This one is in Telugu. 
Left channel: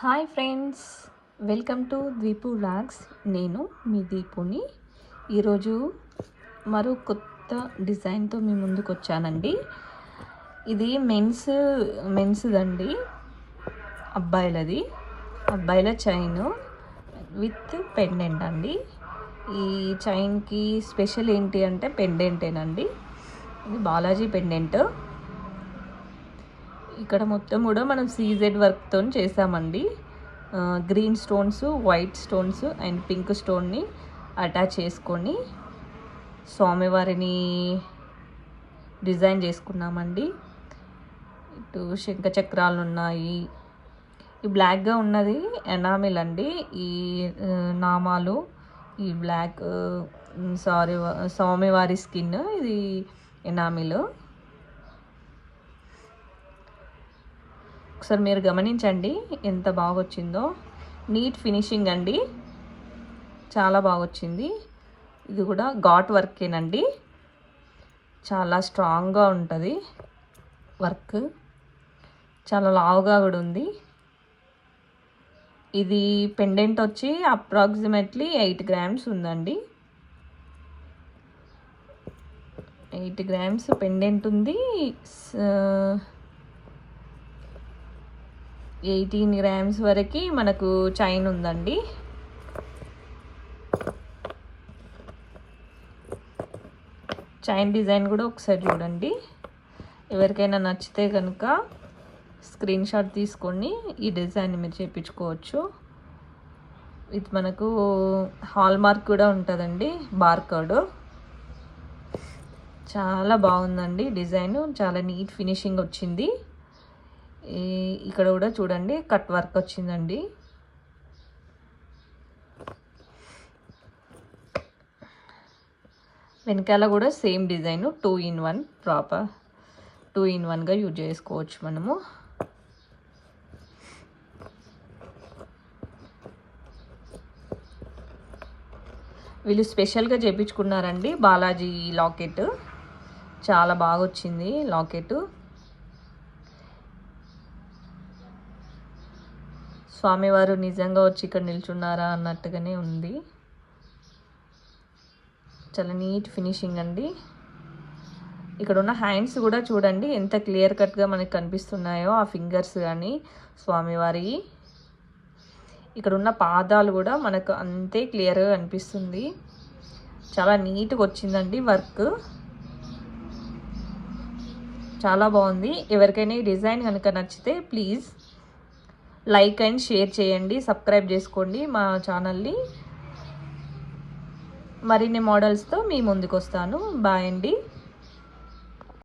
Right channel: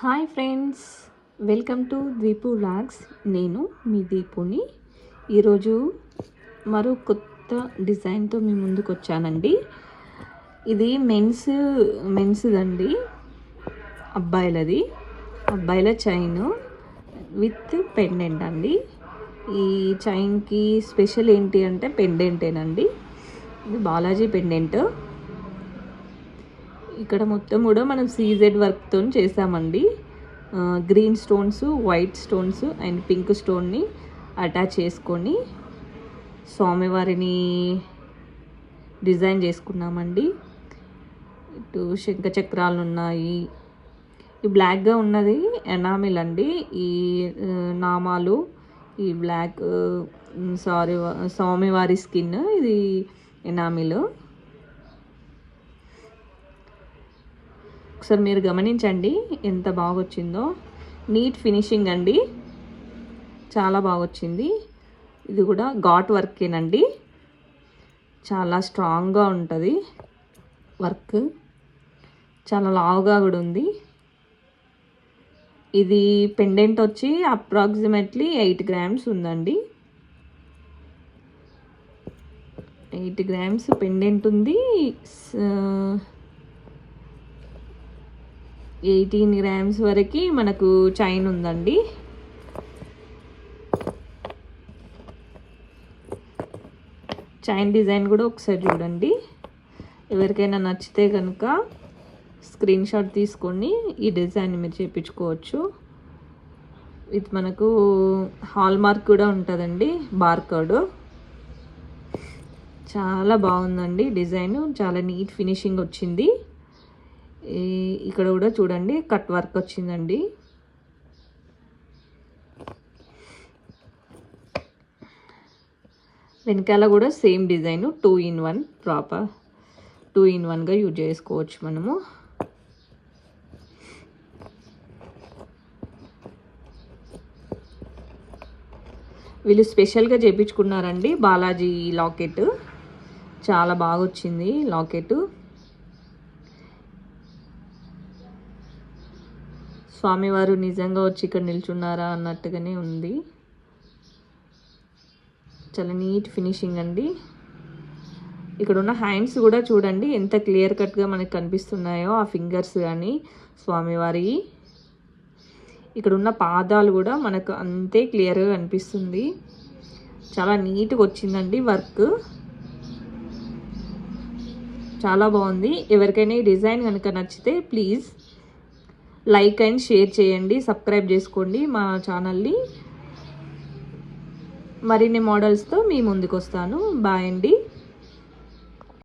Hi friends, welcome to Deepu vlogs. నేను మీ దీపుని. ఈరోజు మరో కొత్త డిజైన్తో మీ ముందుకు వచ్చానండి. ఇది మెన్స్దండి, అబ్బాయిల చైన్ విత్ పెండెంట్ అండి. ఈ చైన్కి స్పెషల్ ఏంటి అంటే పెండెంటేనండి. ఇది బాలాజీ పెండెంట్. ఇక్కడ మొత్తం కూడా మనం సీజెడ్ వర్క్తో చేసామండి. Green stones, white stones and pink స్టోన్ని అటాచ్ చేసుకొని స్వామివారిని డిజైన్ చేసుకున్నామండి. ఇటు శంఖ చక్రాలు ఉన్నాయి. ఈ బ్లాక్గా ఉన్నది ఎనామిల్ అండి. ఈ నామాలు, ఈ బ్లాక్ స్వామివారి స్కిన్, ఇది ఎనామిల్. ఒకసారి మీరు గమనించండి ఎంత బాగా వచ్చిందో. నీట్ ఫినిషింగ్ అండి, చాలా బాగా వచ్చింది. ఇది కూడా ఘాట్ వర్కేనండి, చాలా స్ట్రాంగ్గా ఉంటుంది వర్క్, చాలా లావుగా కూడా ఉంది. ఇది పెండెంట్ వచ్చి అప్రాక్సిమేట్లీ 8 గ్రామ్స్ ఉందండి. 8 గ్రామ్స్ పెండెంట్ ఉంది. 18 గ్రామ్స్ వరకు మనకు చైన్ ఉందండి. చైన్ డిజైన్ కూడా ఒకసారి చూడండి. ఎవరికైనా నచ్చితే కనుక స్క్రీన్ షాట్ తీసుకొని ఈ డిజైన్ మీరు చేయించుకోవచ్చు. ఇది మనకు హాల్ మార్క్ కూడా ఉంటుందండి, బార్కోడ్. చాలా బాగుందండి డిజైన్, చాలా నీట్ ఫినిషింగ్ వచ్చింది. ఇక్కడ కూడా చూడండి కట్ వర్క్ వచ్చిందండి. వెనకాల కూడా సేమ్ డిజైన్, 2-in-1 ప్రాపర్ 2-in-1గా యూజ్ చేసుకోవచ్చు మనము. వీళ్ళు స్పెషల్గా చేయించుకున్నారండి బాలాజీ లాకెట్. చాలా బాగా వచ్చింది లాకెట్. స్వామివారు నిజంగా వచ్చి ఇక్కడ నిల్చున్నారా అన్నట్టుగానే ఉంది. చాలా నీట్ ఫినిషింగ్ అండి. ఇక్కడ ఉన్న హ్యాండ్స్ కూడా చూడండి ఎంత క్లియర్ కట్గా మనకు కనిపిస్తున్నాయో, ఆ ఫింగర్స్ కానీ స్వామివారి. ఇక్కడ ఉన్న పాదాలు కూడా మనకు అంతే క్లియర్గా కనిపిస్తుంది. చాలా నీట్గా వచ్చిందండి వర్క్, చాలా బాగుంది. ఎవరికైనా ఈ డిజైన్ కనుక నచ్చితే ప్లీజ్ లైక్ అండ్ షేర్ చేయండి, సబ్స్క్రైబ్ చేసుకోండి మా ఛానల్ని. మరిన్ని మోడల్స్తో మీ ముందుకు వస్తాను. బాయ్ అండి.